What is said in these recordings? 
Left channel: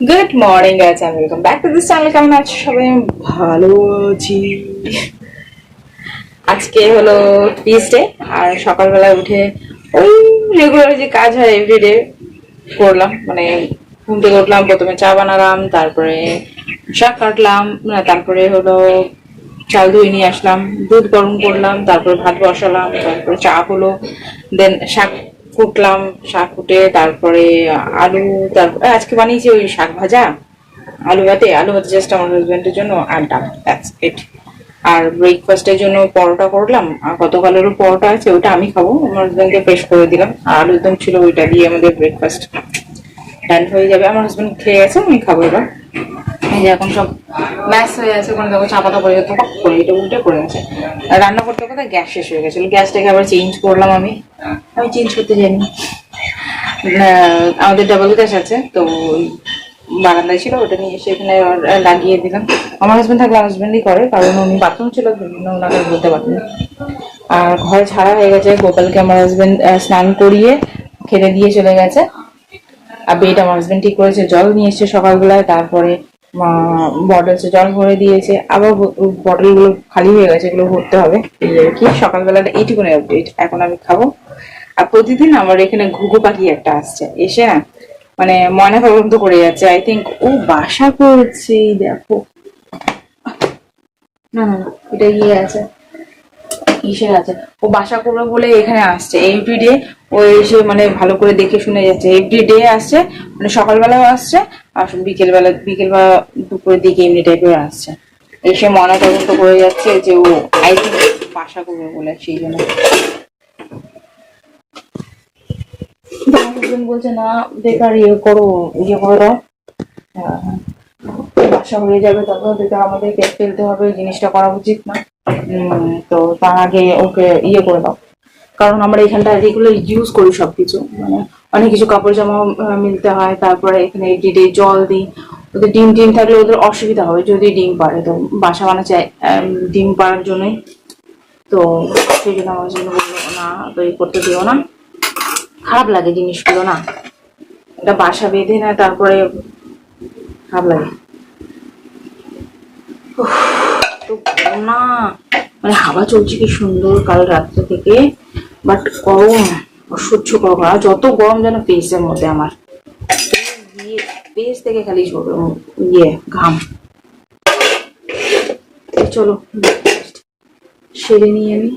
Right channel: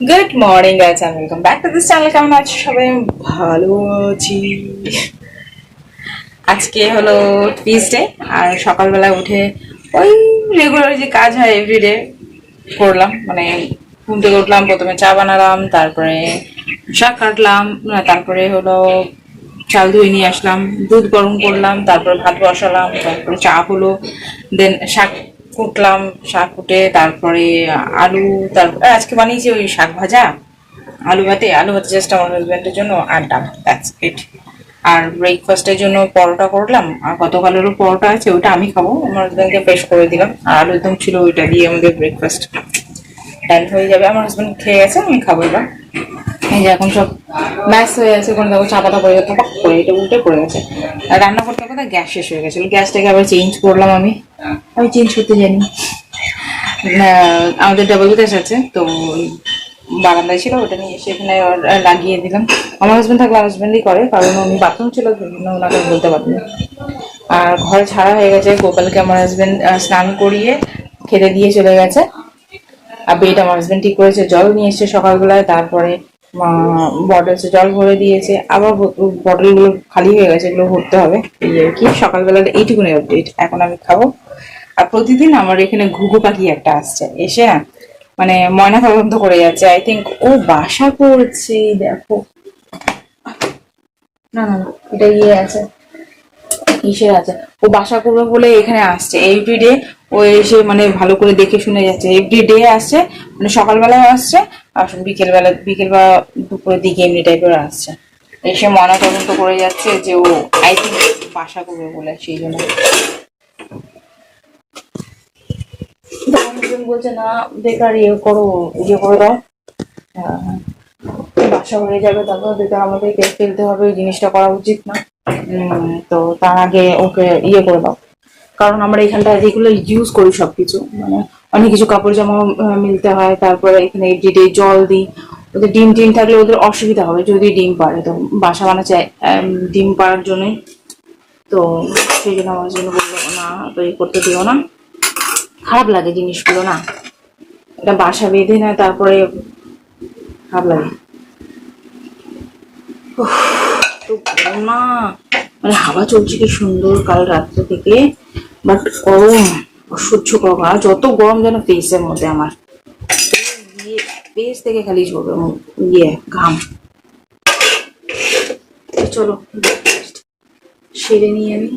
Good morning guys and welcome back to this channel কেমন আছো সবাই? ভালো আছি। আজকে হলো টিউসডে আর সকালবেলা উঠে ওই রেগুলার যে কাজ হয় এভরিডে করলাম। মানে ঘুম থেকে উঠলাম প্রথমে চা বানালাম তারপরে শাক কাটলাম না, তারপরে হলো চাল ধুয়ে নিয়ে আসলাম দুধ গরম করলাম তারপরে ভাত বসালাম তারপরে চা হলো দেন শাক কুটলাম, শাক কুটে, তারপরে আলু, তারপরে আজকে বানিয়েছি ওই শাক ভাজা, আলু ভাতে। আলু ভাতে জাস্ট আমার হাজব্যান্ডের জন্য আর ডাল। দ্যাটস ইট আর ব্রেকফাস্টের জন্য পরোটা করলাম। আর গতকালেরও পরোটা আছে ওইটা আমি খাব। আমার হাজব্যান্ডকে ফ্রেশ করে দিলাম। আর আলুর দম ছিল, ওইটা দিয়ে আমাদের ব্রেকফাস্ট ডাল হয়ে যাবে। আমার হাজব্যান্ড খেয়ে গেছে আমি খাব এবার। এই যে এখন সব ব্যাস হয়ে গেছে কোনো দেখো চা পাতা পড়ে গেছে পাক করে এটা উল্টে পড়ে গেছে। রান্না করতে করতে গ্যাস শেষ হয়ে গেছিল। গ্যাসটাকে আবার চেঞ্জ করলাম আমি। আমি চেঞ্জ করতে জানি। আমাদের ডাবল গ্যাস আছে, তো ওই বারান্দায় ছিল, ওটা নিয়ে এসে এখানে লাগিয়ে দিলাম। আমার হাজবেন্ড থাকলে হাজবেন্ডই করে, কারণ উনি বাথরুম ছিল ওনাকে বলতে পারিনি। আর ঘর ছাড়া হয়ে গেছে, গোপালকে আমার হাজবেন্ড স্নান করিয়ে খেতে দিয়ে চলে গেছে। আর বেড আমার হাজবেন্ড ঠিক করেছে, জল নিয়ে এসছে সকালবেলায়, তারপরে বটলসে জল ভরে দিয়েছে। আবার বটলগুলো খালি হয়ে গেছে, এগুলো ভরতে হবে। এই আর কি সকালবেলা এইটুকুনি আপডেট এখন আমি খাব। আর প্রতিদিন আমার এখানে ঘুঘু পাখি একটা আসছে। এসে না মানে ময়না তদন্ত করে যাচ্ছে। আই থিঙ্ক ও বাসা করছে, দেখো। না না এটা ইয়ে আছে। ইসে আছে? ও বাসা করবে বলে এখানে আসছে। এভরিডে ও এসে মানে ভালো করে দেখে শুনে যাচ্ছে। এভরিডে আসছে মানে সকালবেলাও আসছে, আর বিকেলবেলা বিকেল বা দুপুরের দিকে এমনি টাইপের আসছে। এসে ময়না তদন্ত করে যাচ্ছে যে ও আই থিঙ্ক বাসা করবে বলে সেই জন্য। Husband বলছে না বেকার ইয়ে করো ইয়ে করে দাও। আহ, বাসা হয়ে যাবে তারপর বেকার আমাদের আমাদেরকে ফেলতে হবে এই জিনিসটা করা উচিত না। তো তার আগে ওকে ইয়ে করে দাও। কারণ আমরা এখানটা রেগুলার ইউজ করি সব কিছু মানে অনেক কিছু কাপড় জামা মিলতে হয় তারপরে এখানে এভরিডে জল দিই। ওদের ডিম টিম থাকলে ওদের অসুবিধা হবে যদি ডিম পারে। তো বাসা বানাচ্ছে ডিম পাড়ার জন্যই। তো সেই জন্য আমার জন্য বলল না তো এই করতে দিও না। খারাপ লাগে জিনিসগুলো, না? এটা বাসা বেঁধে না, তারপরে খারাপ লাগে। তো না। মানে হাওয়া চলছে কি সুন্দর কাল রাত্রে থেকে বাট গরম, অসহ্য গরম। যত গরম যেন ফেসের মধ্যে আমার। ফেস থেকে খালি ইয়ে ঘাম। চলো সেরে নিয়ে আমি।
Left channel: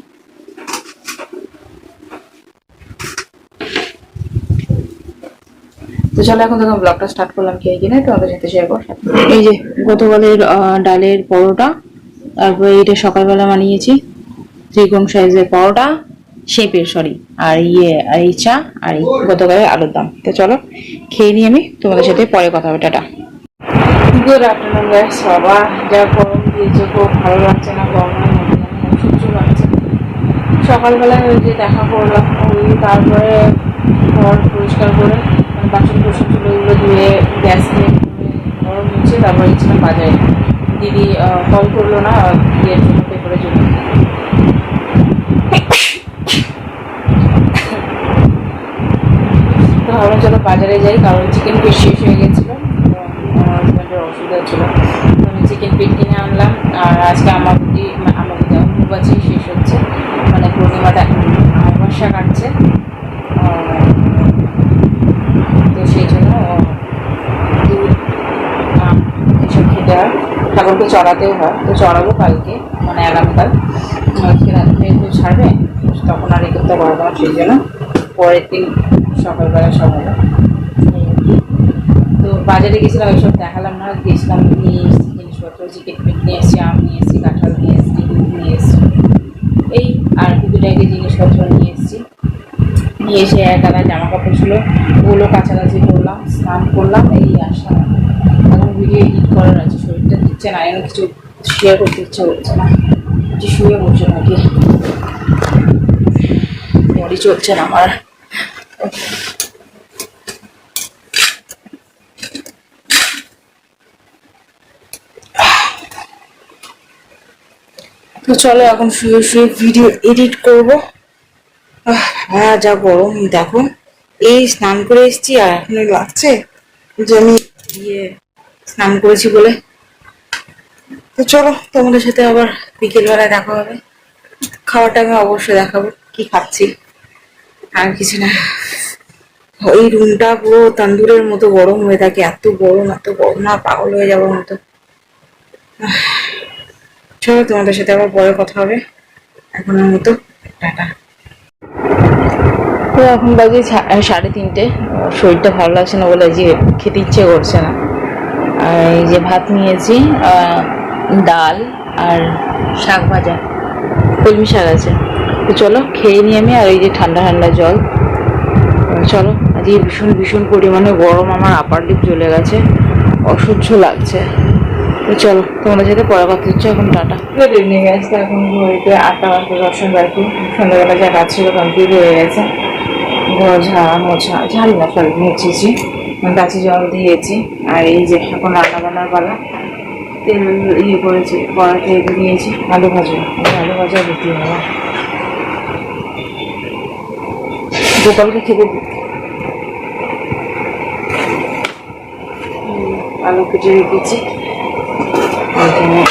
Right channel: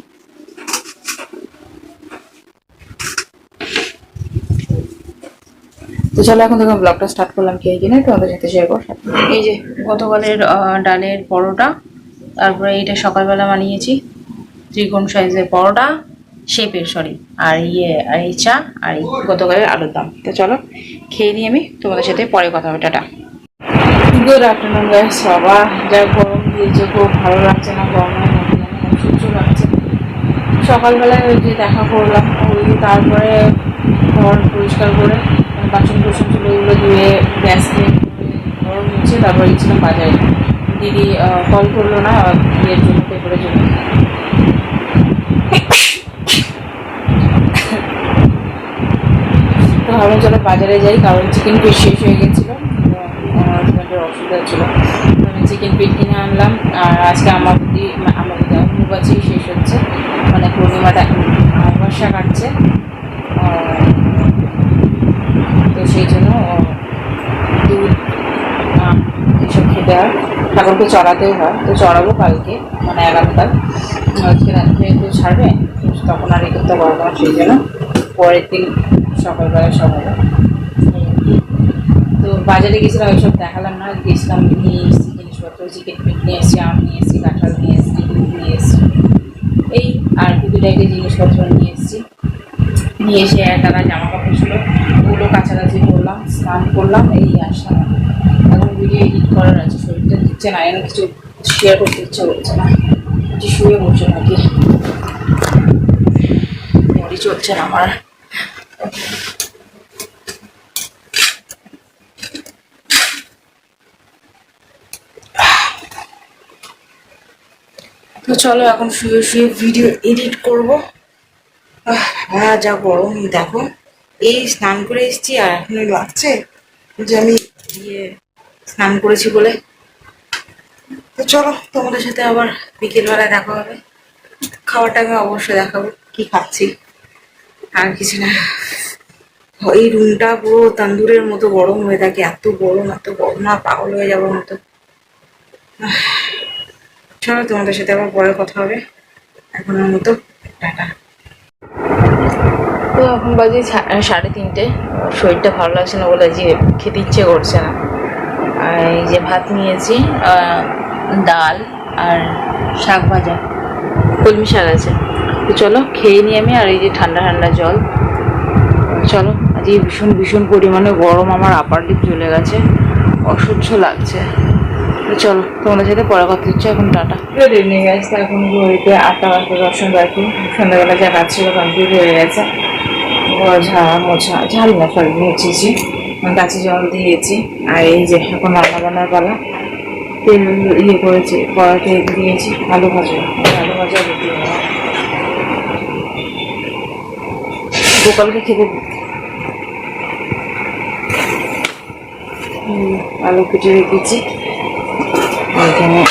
তো চলো এখন দেখো ব্লগটা স্টার্ট করলাম কি কিনা তোমাদের সাথে শেয়ার করো এই যে গতকালের ডালের পরোটা তারপরে এটা সকালবেলা বানিয়েছি ত্রিকোণ সাইজের পরোটা শেপের সরি আর ইয়ে আর এই চা আর এই গতকালের আলুর দাম। তো চলো খেয়ে নিই আমি তোমাদের সাথে পরে কথা হবে টাটা। গুড আফটারনুন গাইস বাবা যা গরম দিয়েছে খুব ভালো লাগছে না গরমের মধ্যে অসহ্য লাগছে। সকালবেলায় ওই যে দেখা করলাম ওই তারপরে ঘর পরিষ্কার করে বাসন কুসন ছিল ওগুলো ধুয়ে গ্যাস দিয়ে ঘর মুছে তারপরে গেছিলাম বাজারে। দিদি কল করল না ইয়ের জন্য পেপারের জন্য। তো ভাবলাম চলো বাজারে যাই কারণ চিকেন পিস শেষ হয়ে গেছিল। আমার হাজব্যান্ডের অসুবিধা ছিল আমি চিকেন পিট কিনে আনলাম আর আজকে আমাবতী আমাবতী অম্বুবাচি শেষ হচ্ছে। মানে পূর্ণিমাটা আমাবস্যা কাটছে। আহ, তো সেই জন্য দুধ এসব খেতে হয়। ঠাকুরকে চড়াতেও হয়। তো চড়াবো কালকে মানে আগামীকাল। আজকে রাত্রে যেহেতু ছাড়বে, তখন আর এ করতে পারব না সেই জন্য। পরের দিন সকালবেলা এই কি। তো বাজারে গেছিলাম, ওইসব দেখালাম না। গেছিলাম, নিয়ে এসেছি জিনিসপত্র চিকেন পিট নিয়ে এসেছি, আম নিয়ে এসেছি, কাঁঠাল নিয়ে এসেছি, দুধ নিয়ে এসেছি। এই আর টুকিটাকি জিনিসপত্র নিয়ে এসেছি। নিয়ে এসে আধা জামা কাপড় ছিল ওগুলো কাছাকাছি করলাম, স্নান করলাম, এই আসলাম এখন। ভিডিও এডিট করার আছে, শরীরটা দিচ্ছে না এমন কিছু শেয়ার করতে ইচ্ছে করছে না। যে শুয়ে বসে নাকি? মরি চলছে না আমার। তো চলো এখন শুয়ে শুয়ে ভিডিও এডিট করব। যা গরম, দেখো। এই স্নান করে এসেছি, আর এখন লাগছে যে আমি গিয়ে স্নান করেছি বলে। তো চলো, তোমাদের সাথে আবার বিকেলবেলায় দেখা হবে। খাবারটা আমি অবশ্যই দেখাবো, কি খাচ্ছি। আর কিছু না। ওই রুমটা পুরো তান্দুরের মতো গরম হয়ে থাকে, এত গরম এত গরম, না, পাগল হয়ে যাওয়ার মতো। চলো, তোমাদের সাথে আবার পরে কথা হবে। এখনের মতো, টাটা। তো এখন বাজে সাড়ে তিনটে। শরীরটা ভালো লাগছে না বলে যে খেতে ইচ্ছে করছে না। আর এই যে ভাত নিয়েছি ডাল আর শাক ভাজা। কলমি শাক আছে। তো চলো, খেয়ে নিই আমি আর এই যে ঠান্ডা ঠান্ডা জল। চলো, আজকে ভীষণ ভীষণ পরিমাণে গরম আমার আপার লিপ চলে গেছে, অসহ্য লাগছে। তো চলো, তোমাদের সাথে পরে কথা হচ্ছে, এখন টাটা। গুড ইভিনিং গাইস এখন ঘড়িতে আটটা বাজতে দর্শন বাকি। সন্ধ্যাবেলা যা কাজ ছিল কমপ্লিট হয়ে গেছে। ঘর ঝাড়া মোছা ঝাড়ি না সরি মুছেছি গাছে জল দিয়েছি। আর এই যে এখন রান্না বান্নার পালা। তেল ইয়ে করেছি কড়াতে এগিয়ে দিয়েছি। আলু ভাজা আলু ভাজা দিতে হবে গোপালকে খেতে। আলু কেটে রেখেছি। ওইখানে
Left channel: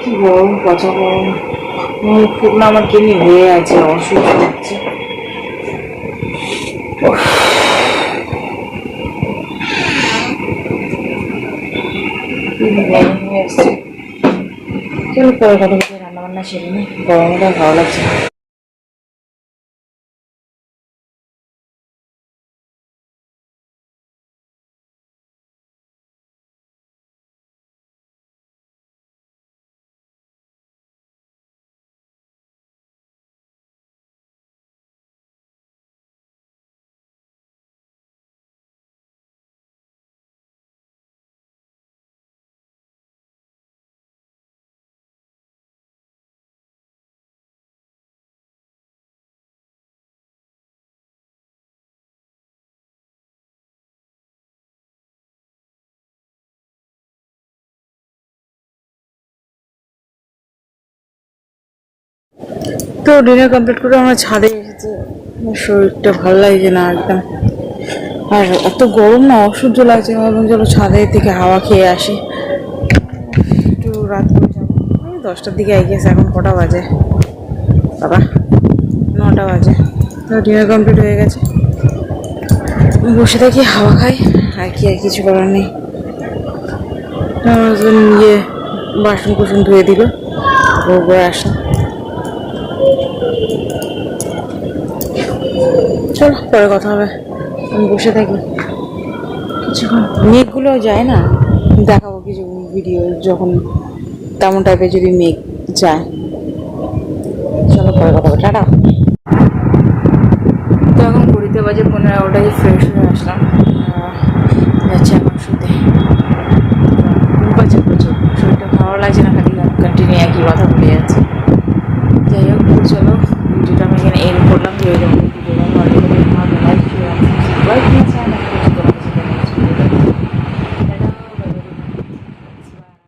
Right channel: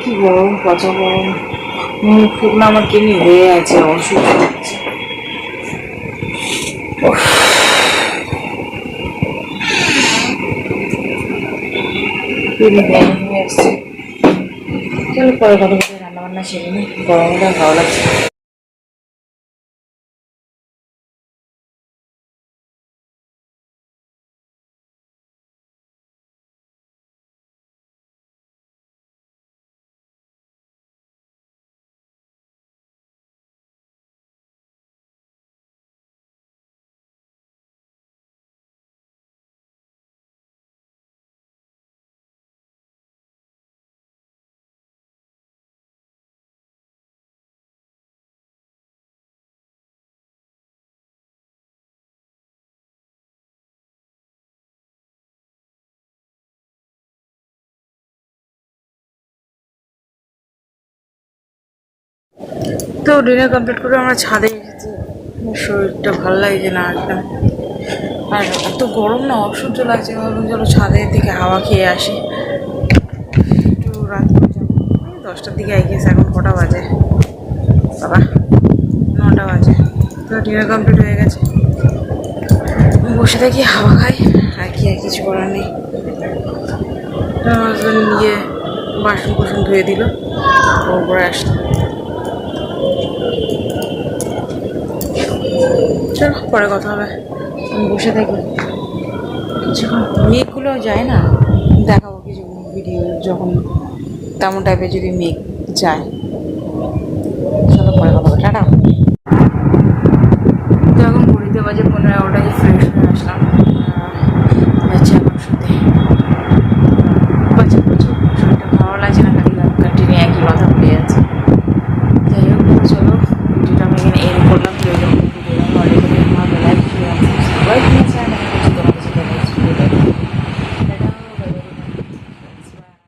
কি গরম, পচা গরম। মুখ ফুক না আমার কেমনি হয়ে আছে অসুস্থ হচ্ছে। চলো পরে কথা রান্না বান্না সেরে নি। গরমটা ভালো লাগছে তো ডিনার কমপ্লিট করে আমরা ছাদে এসেছি। শরীরটা ভালো লাগছে না একদম। আর এত গরম না, অসহ্য লাগছে। ভাবলাম চলো ছাদের থেকে হাওয়া খেয়ে আসি। একটু রাত করে যাব। দশটার দিকে গেছে এখন কটা বাজে? বাবা, নটা বাজে। তো ডিনার কমপ্লিট হয়ে গেছে। বসে থাকি হাওয়া খাই। আর কি, আর কিছু করার নেই। আমার হাজবেন্ড নিজে বাসন কুসন ধুয়ে দিল। ও বয়ে আসে চল, পরে কথা হবে। আমি বসে থাকি। মেঘগুলো যায় না দেখাবো কিছু ভিডিও যখন তেমন টাইপের যদি মেঘ যায়। চলো, পরে কথা হবে। টাটা। তো এখন কুড়িতে বাজে পনেরো, এগারোটায় ফ্রেশ হয়ে আসলাম। যাচ্ছি এখন শুতে। ঘুম পাচ্ছে প্রচুর। শরীরটা ভালো লাগছে না, খালি কন্টিনিউ একই কথা বলে যাচ্ছে। যাই হোক, চলো। ভিডিওটা আমি এখানে এড করলাম যদি লেগে থাকে তাহলে লাইক শেয়ার সাবস্ক্রাইব করে চ্যানেল